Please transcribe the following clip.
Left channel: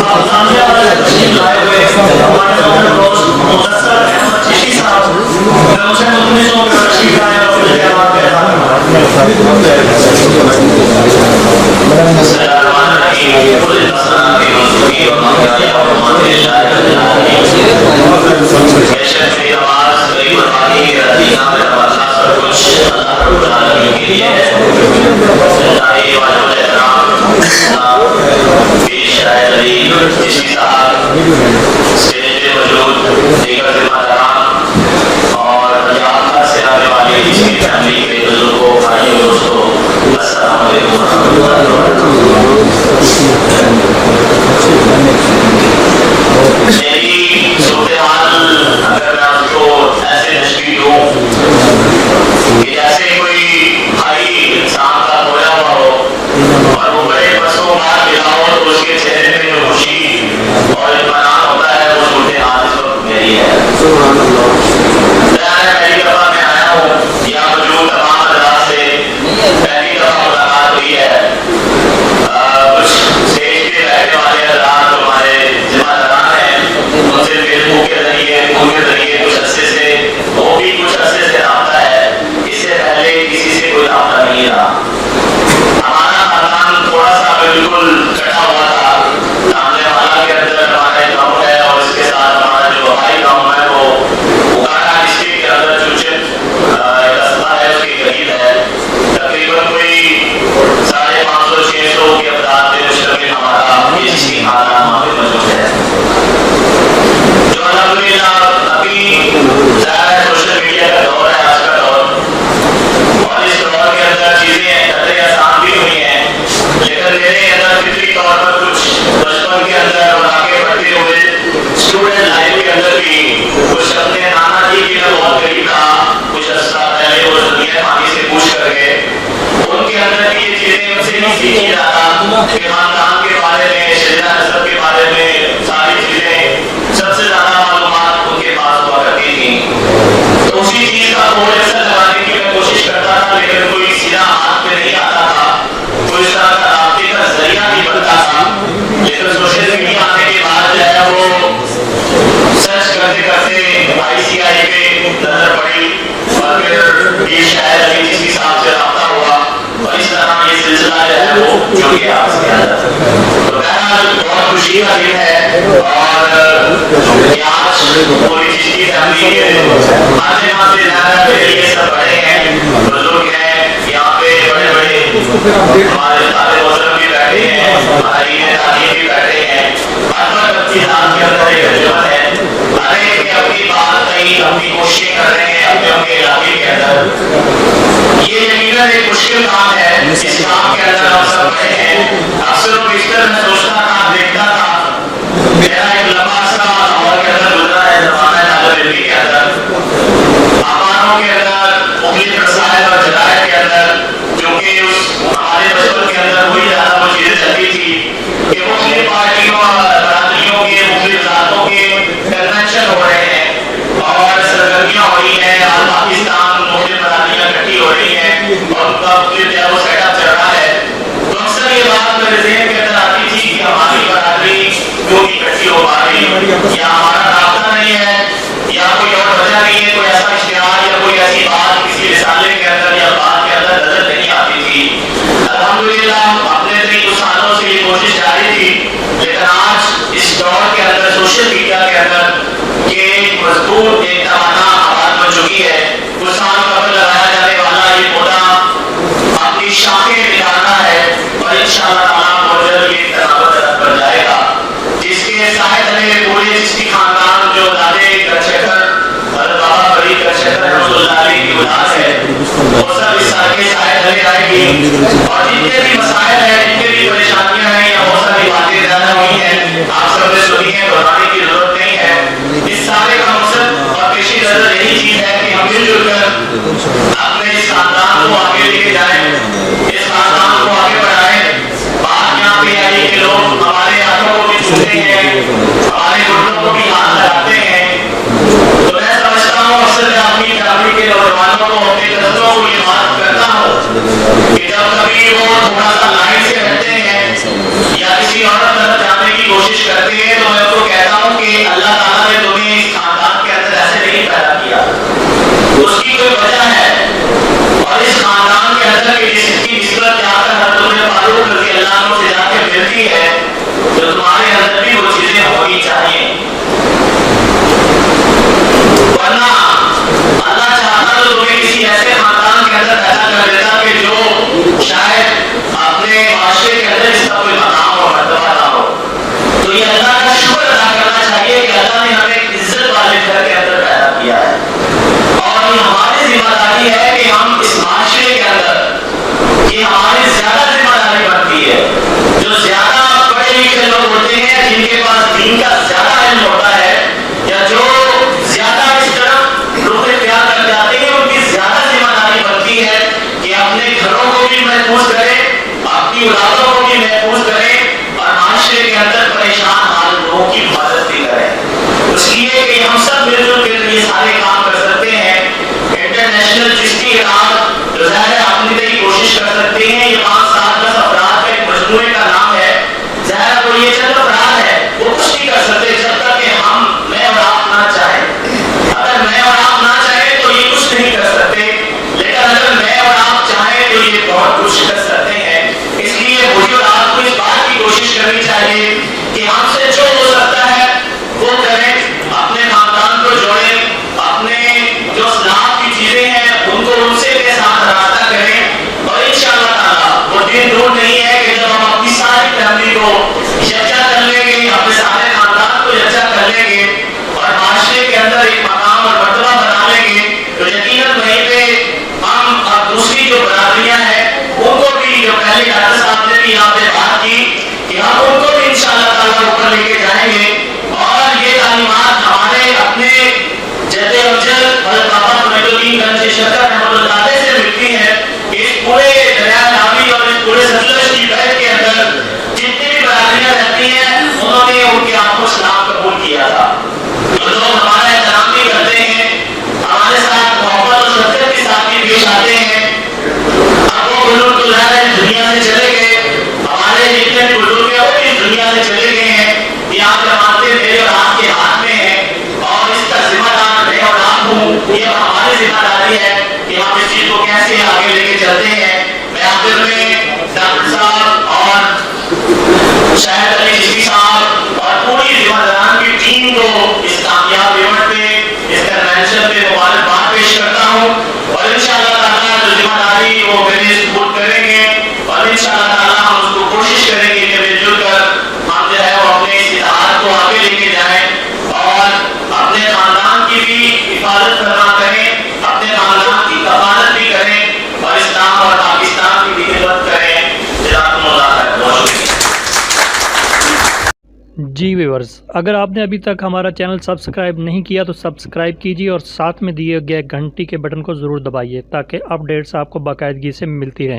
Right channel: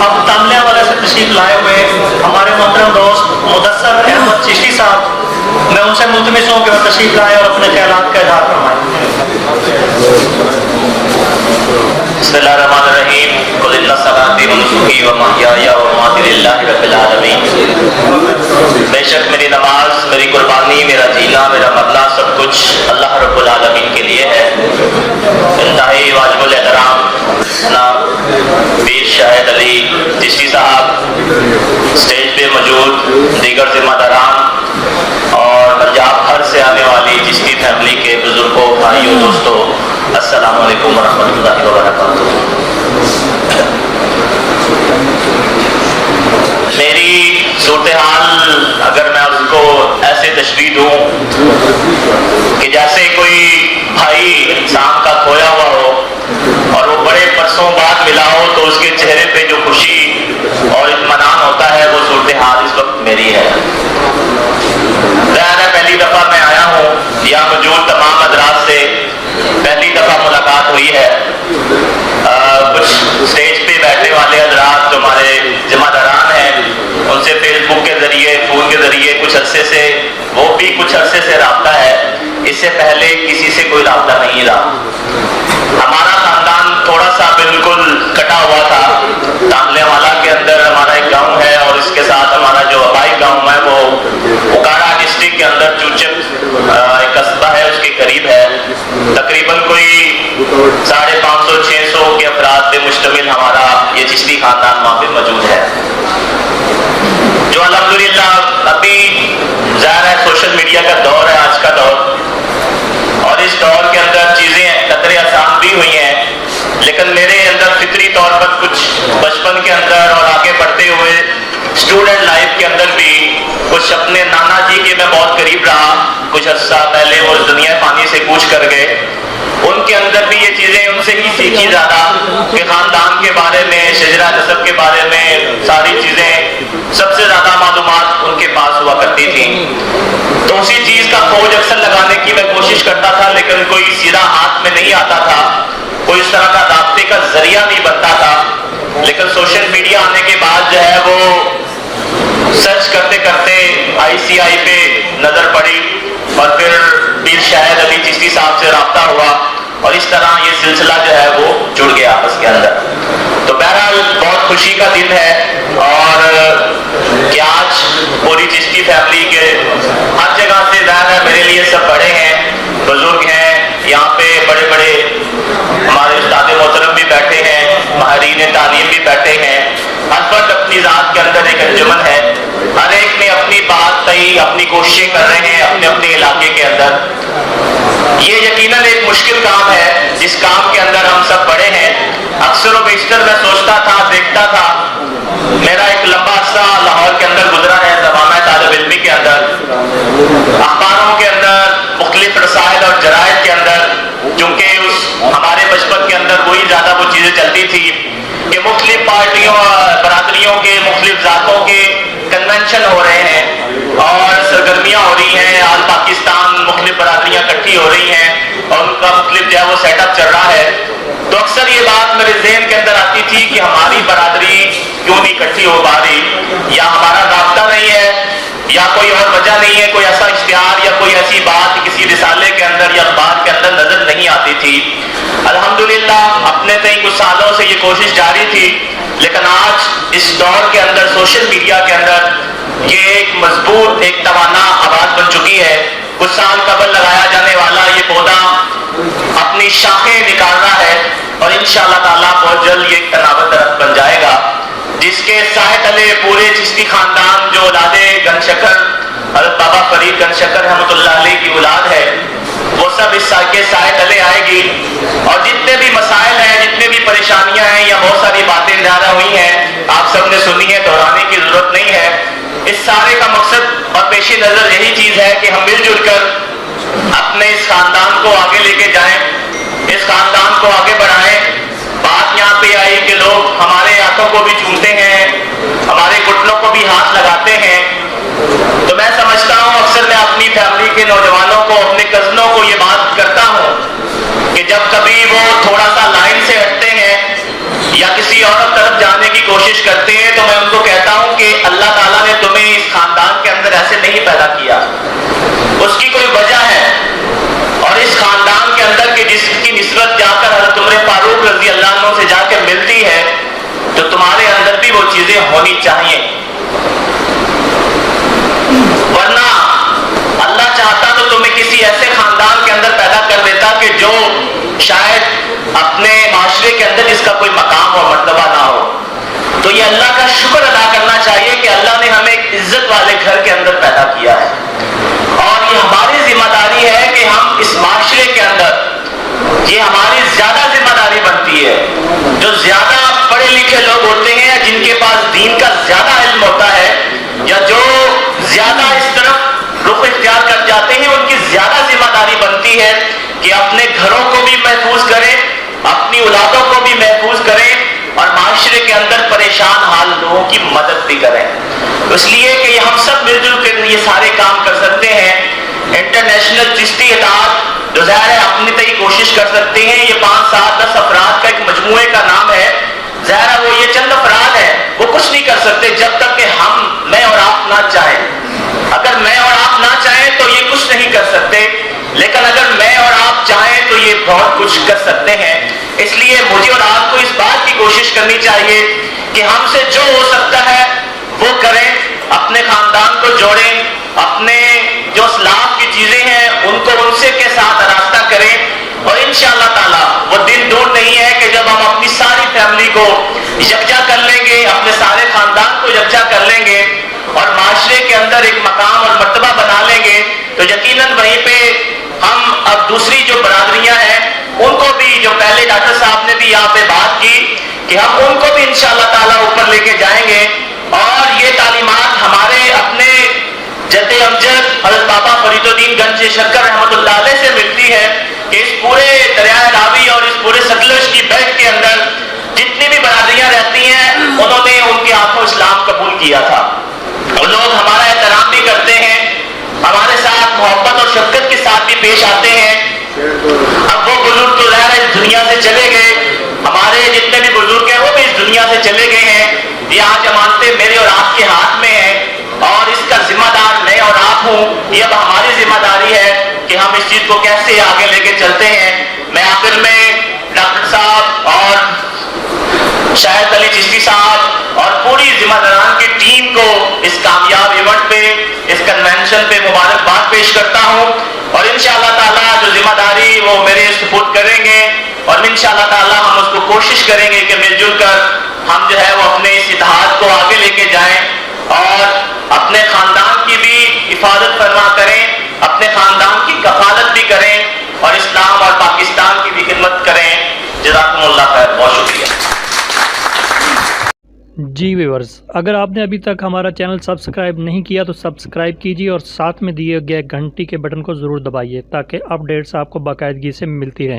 अब सामने वाले तशरीफ लाए हुए हमारे मोहतरम दोस्त मुदस्सर अहमद चिश्ती साहब, मैं उनसे मुल्तमिस हूं कि वो तशरीफ लाए और अपने ख्यालात का इज़हार फरमाएं। बिस्मिल्लाहिर्रहमानिर्रहीम, कुल इन्ना सलाती व नुस्खी व महयाया व ममाती लिल्लाहि रब्बिल आलमीन। बेशक मेरी नमाज, मेरी कुर्बानी, मेरा जीना, मेरा मरना सब कुछ अल्लाह रब्बुल आलमीन के लिए है। इंतहाई वाजिबुल एहतराम जनाब पीर शाहिद अली चिश्ती साहब, स्टेज पे मौजूद दीगर जिम्मेदारान और पंजाब भर से आने वाली चिश्ती फैमिली के बुजुर्गों, भाइयों, दोस्तों, अस्सलाम वालेकुम रहमतुल्लाहि व बरकातहू। मेरी सूरत-ए-हाल अगर मैं उसको ऐसे तशबीह दूं कि जैसे कोई भाई शाम का खोया हुआ हो और वो बड़े बरसों बाद मिला हो तो उसके चेहरे पे जो खुशी और इत्मीनान होता है, वो सूरत-ए-हाल इस वक्त मेरी है। पहली दफा मैं आया हूँ यहाँ मौजूद तमाम हज़रात से पहली दफा मुलाकात हुई है। कुछ स्टेज पे बैठने वाले हज़रात जो हमारे जिम्मेदारान हैं उनसे फेसबुक के जरिए, फोन के जरिए कुछ अरसे से, वो भी कुछ अरसे से राब्ता है। इससे पहले किसी से कोई राब्ता नहीं रहा। हमारा खानदान थोड़ा सा बिल्कुल कटा हुआ था। सामने वाला के अंदर हमारा एक गांव है और इसके साथ हमारा जो हवाई गांव है वो उकाड़ा डिस्ट्रिक्ट के अंदर चूचक एक कस्बा है, उसके करीब है। तकरीबन कोई 550-600 के अफराद से मुश्तमिल हमारा ये चिश्ती खानदान वहाँ पे मौजूद है, जो अल्हम्दुलिल्लाह अभी ज़ाहिर है सोशल मीडिया का दौर है आज का दौर, और इस दौर के अंदर चीज़ें कतरे आसान भी हुई हैं, लेकिन मेरे अंदर फितरी तौर पर कुछ बचपन के अंदर और आगे बढ़ते हुए स्टूडेंट लाइफ के अंदर भी कुछ अपने नाना जी के मैं बहुत करीब रहा। कुछ अर्सा पहले वो दुनिया पानी से कूच कर गए, उनके अंदर भी ये चीज़ें उनसे ही सीखी ज़्यादा कि खानदान के बारे में, शजरा नसब के बारे में सारी चीज़ें सबसे ज़्यादा मालूमात उनके पास हुआ करती थी। तो उसी चीज़ का खोज अक्सर लगाने की मैं कोशिश करता था, लेकिन कोई सीधा हाथ में नहीं आता था, कोई इस तरह का रास्ते का जरिया नहीं बनता था। लेकिन सोशल मीडिया आने के बाद जो है वो सर्च करते करते ICI पे नजर पड़ी और फिर पीर शाहिद अली चिश्ती साहब से राब्ता हुआ और इस तरह ये सिलसिला जो है वो जुड़ गया इसके अंदर। तो बहरहाल बहुत खुशी का दिन है और कि आज पूरी चिश्ती फैमिली के हर जगह से ज़्यादा मेरे लिए सब बड़े हैं, बुजुर्ग हैं, यहाँ पे बड़े बड़े हमारे उस्ताद मोहतरम भी बैठे हैं, माहिरीन तालीम भी बैठे हैं। हर वक्त अपनी ज़ात के अंदर एक अंजुमन है, हर एक में अपनी बात सही अपनी कोशिशें कर रहे हैं अपने अपने इलाके के अंदर। ये यकीनन एक मुश्किल काम है, जिस काम के अंदर हम सब बड़े हैं। अक्सर व बेशतर मैं सोचता था, देखता था, मेरा एक लंबा सा लाहौर के अंदर गुजरा है ज़माना तालिब इल्मी के अंदर, अखबारों के अंदर, मुख्तलिफ रसायल और जरायद के अंदर, चूँकि उस हमारे बचपन के अंदर वही ज़्यादा वो चीज़ें चलती थी कि मुख्तलिफ पार्टियों बरादरियों के, मुख्तलिफ ज़ातों के कन्वेंशन हो रहे हैं और सरगर्मियाँ हो रही हैं। आज पाकिस्तान मुख्तलिफ बरादरियाँ इकट्ठी हो रही हैं और उनका मुख्तलिफ जो है वो सेटअप चल रहा है। तो अक्सर ये बात मेरे ज़हन के अंदर आती थी कि हमारी बरादरी क्यों नहीं इकट्ठी हो पा रही, या हमारा रास्ता नहीं है, या कोई और वजह नहीं है, कोई ऐसा इश्तिहार या कोई ऐसी बात किसी रिसाले के अंदर या बात के अंदर नजर नहीं आती थी। अल्हम्दुलिल्लाह अपने कई कुछ सालों से ये कोशिश जारी थी, लेकिन आज इस दौर के अंदर सोशल मीडिया के अंदर ये एक मजबूत एक तवाना आवाज बन चुकी है। कुछ साल कबल लगाया जाने वाला ये पौधा अपनी शाखें निकाल रहा है और इंशाअल्लाह ताला बहुत जल्द ये तनावत दरख्त बन जाएगा, जिसके साए तले पूरे चिश्ती खानदान जो औलादे गनशकर हज़रत बाबा फरीद गनशकर रहमतुल्लाह अलैह की औलाद है, वो सब इस के साए तले आएगी। और जितने भी मसाइल हैं, जितने भी परेशानियां हैं या बहुत सारी बातें ज्यादा हुई हैं, आप सबने सुनी है, दोहराने की जरूरत नहीं है। इस सारे का मकसद और पेशी नजर यही चीज है कि हम मिलजुल कोशिश करते हैं तो मैं उनको कहता हूं कि अल्लाह ताला ने तुम्हें इस खानदान के अंदर ऐसे नहीं पैदा किया, उसकी कोई वजह है। और इस खानदान के अंदर की जिसकी निस्बत जाकर हज़रत उमर फारूक रज़ी अल्लाह अन्हु से जाकर मिलती है तो तुम्हारे अंदर भी वो चीजें होनी चाहिए, वरना अल्लाह चाहता तो तुम्हें किसी ऐसे खानदान के अंदर पैदा कर देता कि जो शायद अपने माशरे के अंदर इसका कोई मकाम और मर्तबा ना हो। तो ये अल्लाह का शुक्र अदा करना चाहिए कि अल्लाह ने हमें इज्जत वाले घर के अंदर पैदा किया है, और ये हमारी जिम्मेदारी है कि हम इस माशरे के अंदर, ये हमारी ज्यादा जिम्मेदारी बनती है। जो ज्यादा पढ़े लिखे लोग होते हैं, जिनके पास दीन का ज्यादा इल्म होता है, या जो ज्यादा इस तरफ रुख इख्तियार कर जाते हैं, उनकी ज्यादा जिम्मेदारी बनती है कि अपने घरों को भी महफूज करें, अपनी औलादों को भी महफूज करें और माशरे के अंदर परेशान हाल लोगों की मदद भी करें। इसलिए कि हम सब मिलजुल कर ये सारे काम कर सकते हैं। इंटरनेशनल चिश्ती इदारा जो ज़ाहिर है अपनी तय कोशिश कर सकते हैं। ये 5-7-10 अफराद का एक मजमूए का नाम है, ज़ाहिर वो ये चंद अफराद है, वो कुछ नहीं कर सकते जब तक कि मैं और आप ना चाहें। अगर मैं और आप ना चाहें तो ये कुछ नहीं कर सकते, लेकिन अगर मैं और आप चाहें तो ये बहुत कुछ कर सकते हैं। इसलिए मुझे और आपको इस बात की कोशिश करनी चाहिए कि हमसे जो हो सकता है वो करें, अपने खानदान को जोड़ें, अपने जो इस्लाम की चीजें हैं उनको उनसे के साथ रास्ता करें, और इंशाअल्लाह ताला वो दिन दूर नहीं है कि जब हम अपनी सारी फैमिली को यकजा कर लेंगे, अपने सारे खानदान को यकजा कर लेंगे और माशरे के अंदर एक मकाम और मर्तबा बना लेंगे, तो यकीनन वहीं पे हम अब दूसरी जो बरादरियां हैं उनको भी, जो पहले डॉक्टर साहब ने भी यहाँ पे बात की, कि हम उनको भी इंशाअल्लाह ताला ऊपर लेके जाएंगे। और ये तालीमात हमारे अपने जद्दे अफजल हज़रत बाबा फरीदुद्दीन गंज शक्कर रहमतुल्लाह अलैह से मिलती है। इस पूरे दरिया रावी और इस पूरे सतलज की बहर के अंदर जितनी भी बरादरियां रहती हैं, उन्होंने उनके हाथों इस्लाम कबूल किया था। वो लोग हमारा एहतराम भी करते हैं, हमारे साथ मोहब्बत और शफ़क़त के साथ भी पेश आते हैं। अब वो बुजुर्ग जो है इस दुनिया से चले गए, हमारे जितने भी बुजुर्ग हैं वो भी इस दुनिया से चले गए हैं। ये आज जमानते मेरे और आपके हाथ में है, और इसका जिम्मेदार मैं और आप हूँ। ये अब हमारी जिम्मेदारी है कि हम इस चीज को कैसे आगे लेके चलते हैं। मैं आखिर में डॉक्टर साहब और शाहिद अली चिश्ती साहब और पूरी जिम्मेदारान की टीम को इस कामयाब इवेंट पे, इस कन्वेंशन पे मुबारकबाद पेश करता हूँ, और इंशाअल्लाह ताला जो जिम्मेदारी वो मेरे सपोर्ट करेंगे, और इंशाअल्लाह ताला हम उसको कोशिश करेंगे कि मिलजुल कर हम जो है वो अपने इस इतिहाद को आगे लेके जाएं और अपने खानदान की भी हिफाजत फरमा करें, अपने खानदान की कफालत भी करें, और इस्लाम और पाकिस्तान की भी खिदमत करें। जज़ाकुमुल्लाह खैर, बहुत शुक्रिया। जी व्यूअर्स, अगर आपने अभी तक हमारा चैनल सब्सक्राइब नहीं किया तो सब्सक्राइब कीजिए और साथ में दिए गए घंटी के बटन को ज़रूर दबाइए ताकि अपडेट्स आपको बाकायदगी से मिलती रहें।